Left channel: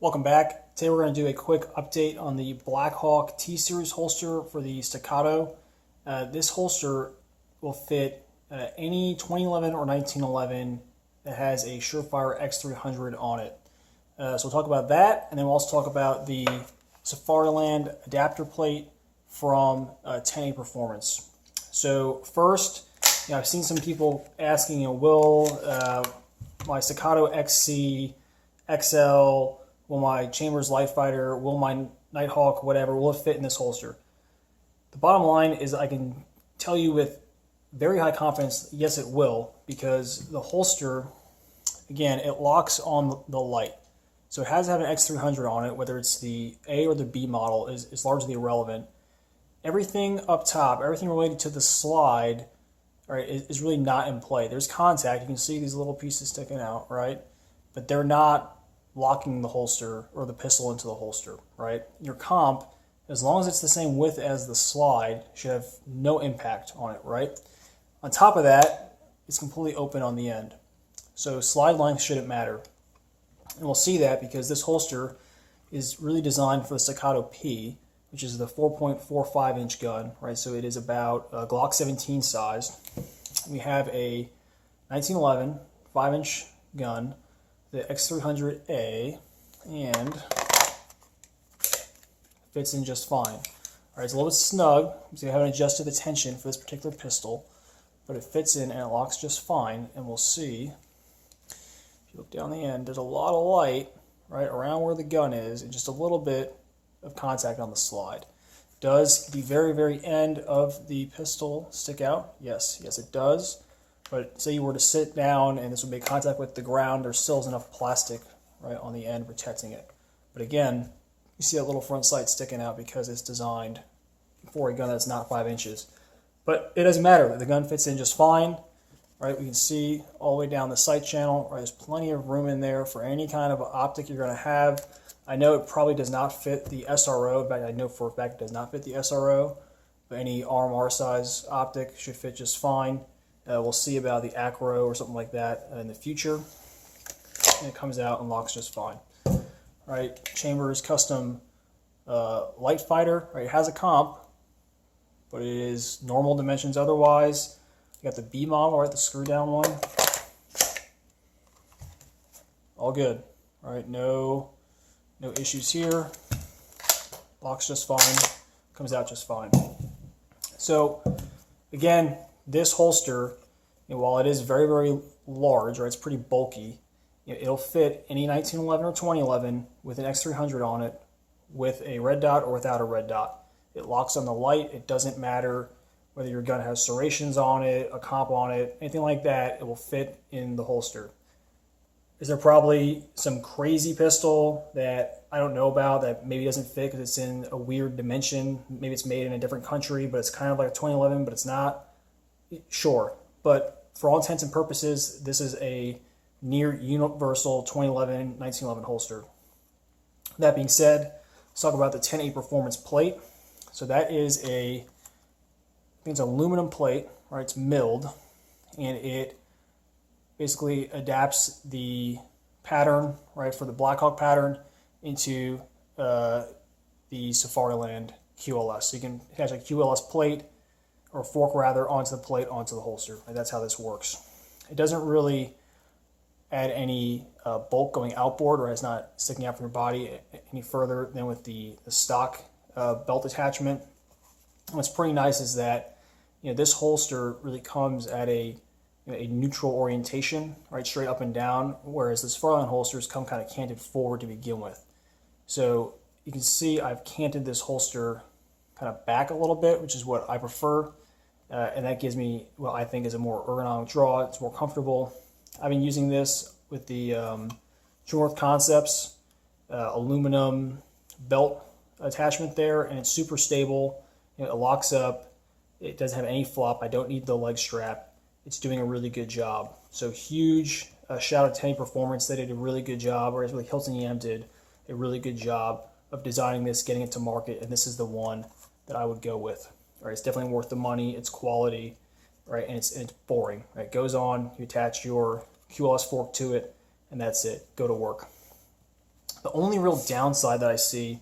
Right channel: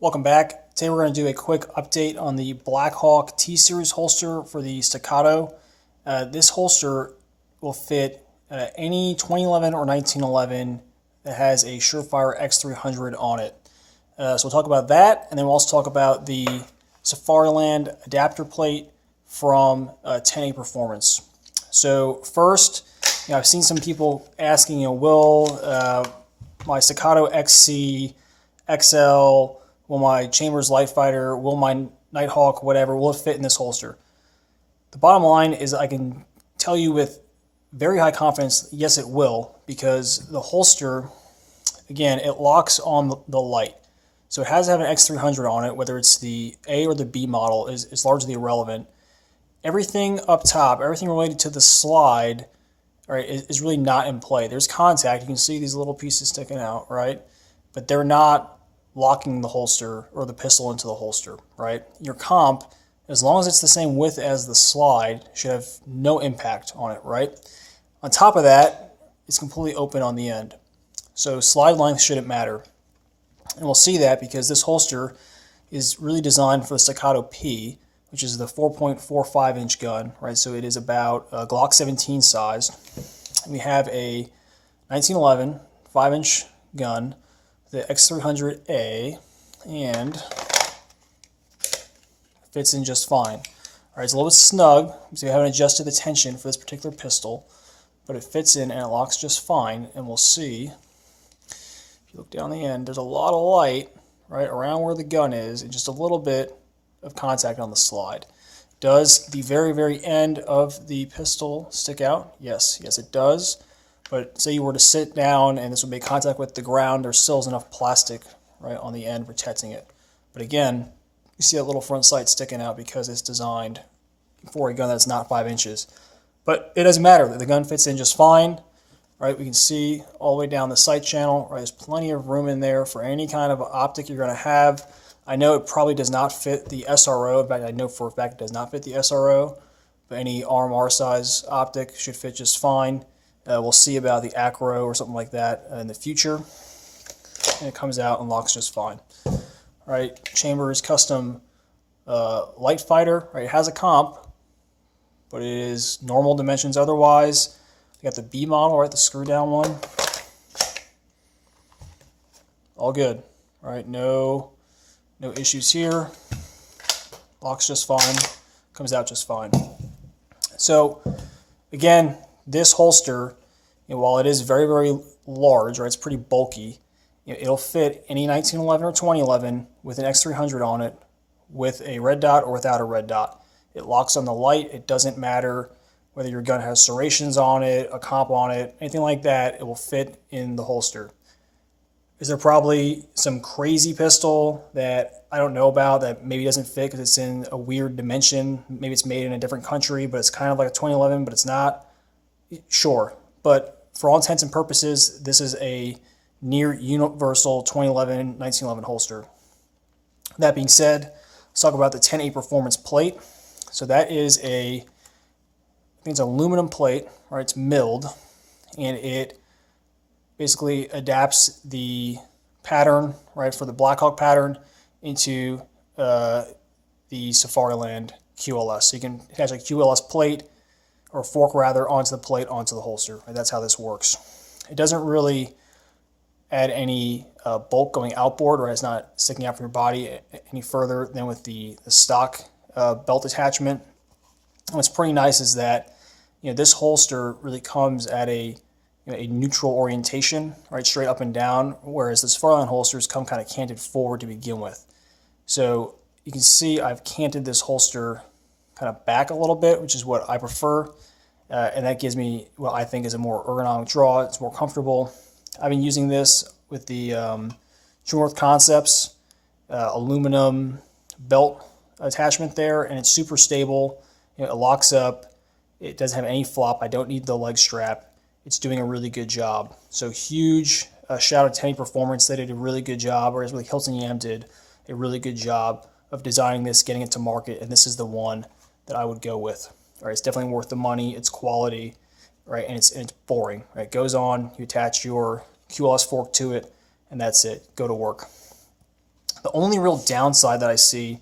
Welcome back. Today we're going to do a quick update on the Blackhawk T-Series holster for the Staccato. This holster will fit any 2011 or 1911 that has a Surefire X300 on it. So we'll talk about that, and then we'll also talk about the Safariland adapter plate from 10A Performance. So first, I've seen some people asking, will my Staccato XC, XL, will my Chambers Light Fighter, will my Nighthawk, whatever, will it fit in this holster? The bottom line is I can tell you with very high confidence, yes it will, because the holster, again, it locks on the light. So it has to have an X300 on it, whether it's the A or the B model is largely irrelevant. Everything up top, everything related to the slide, right, is really not in play. There's contact, you can see these little pieces sticking out, right? But they're not locking the holster or the pistol into the holster, right? Your comp, as long as it's the same width as the slide, should have no impact on it, right? On top of that, it's completely open on the end. So slide length shouldn't matter. And we'll see that because this holster is really designed for the Staccato P, which is the 4.45 inch gun, right? So it is about a Glock 17 size. We have a 1911 5-inch gun, the X300A, and fits in just fine. All right, it's a little bit snug because we haven't adjusted the tension for this particular pistol, but it fits in and it locks just fine. And we'll see, if you look down the end, there's a lot of light right around where the gun is and just a little bit of contact on the slide. Does the very, very end of the pistol stick out? Yes, it does. But say you were to sit down and this would make contact with the ground, there still is enough plastic right on the end protecting it. But again, you see that little front sight sticking out because it's designed for a gun that's not 5 inches. But it doesn't matter, the gun fits in just fine. Right, we can see all the way down the sight channel. Right, there's plenty of room in there for any kind of optic you're going to have. I know it probably does not fit the SRO. In fact, I know for a fact it does not fit the SRO. But any RMR size optic should fit just fine. We'll see about the Acro or something like that in the future. And it comes out and locks just fine. Right, Chambers custom light fighter. Right, it has a comp, but it is normal dimensions otherwise. You got the B model, right, the screw down one. All good. All right, no issues here. Locks just fine. Comes out just fine. So again, this holster, while it is very, very large, right, it's pretty bulky, it'll fit any 1911 or 2011 with an X300 on it with a red dot or without a red dot. It locks on the light. It doesn't matter whether your gun has serrations on it, a comp on it, anything like that, it will fit in the holster. Is there probably some crazy pistol that I don't know about that maybe doesn't fit because it's in a weird dimension? Maybe it's made in a different country, but it's kind of like a 2011, but it's not. Sure, but for all intents and purposes, this is a near universal 2011, 1911 holster. That being said, let's talk about the 10A Performance plate. So that is I think it's an aluminum plate, right? It's milled, and it basically adapts the pattern, right, for the Blackhawk pattern into the Safariland QLS. So you can attach a QLS plate, or fork rather, onto the plate, onto the holster. Right? That's how this works. It doesn't really add any bulk going outboard, right? It's not sticking out from your body any further than with the stock belt attachment. And what's pretty nice is that this holster really comes at a neutral orientation, right, straight up and down, whereas the Safariland holsters come kind of canted forward to begin with. So you can see I've canted this holster kind of back a little bit, which is what I prefer, and that gives me what I think is a more ergonomic draw. It's more comfortable. I've been using this with the True North Concepts aluminum belt attachment there, and it's super stable. It locks up. It doesn't have any flop. I don't need the leg strap. It's doing a really good job. So huge shout out to 10A Performance. They did a really good job, or as really Hilton Yam did a really good job of designing this, getting it to market, and this is the one that I would go with. All right, it's definitely worth the money. It's quality, right, and it's boring. Right, it goes on. You attach your QLS fork to it, and that's it. Go to work. The only real downside that I see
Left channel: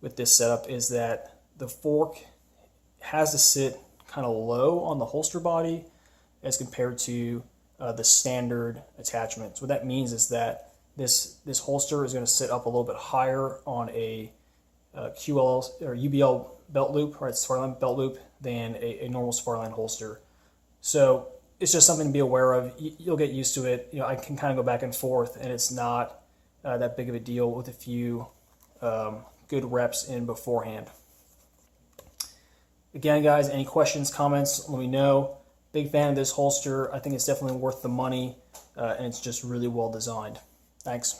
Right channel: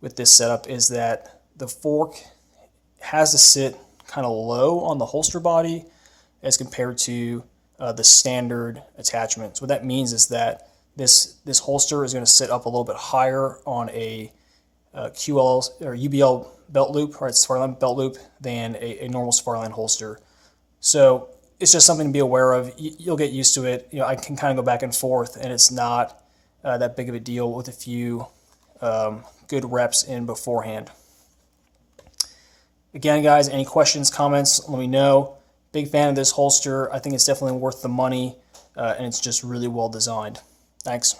with this setup is that the fork has to sit kind of low on the holster body as compared to the standard attachment. So what that means is that this holster is going to sit up a little bit higher on a QL or UBL belt loop, right, Safariland belt loop, than a normal Safariland holster. So it's just something to be aware of. You'll get used to it. You know, I can kind of go back and forth, and it's not that big of a deal with a few good reps in beforehand. Again, guys, any questions, comments, let me know. Big fan of this holster. I think it's definitely worth the money, and it's just really well designed. Thanks.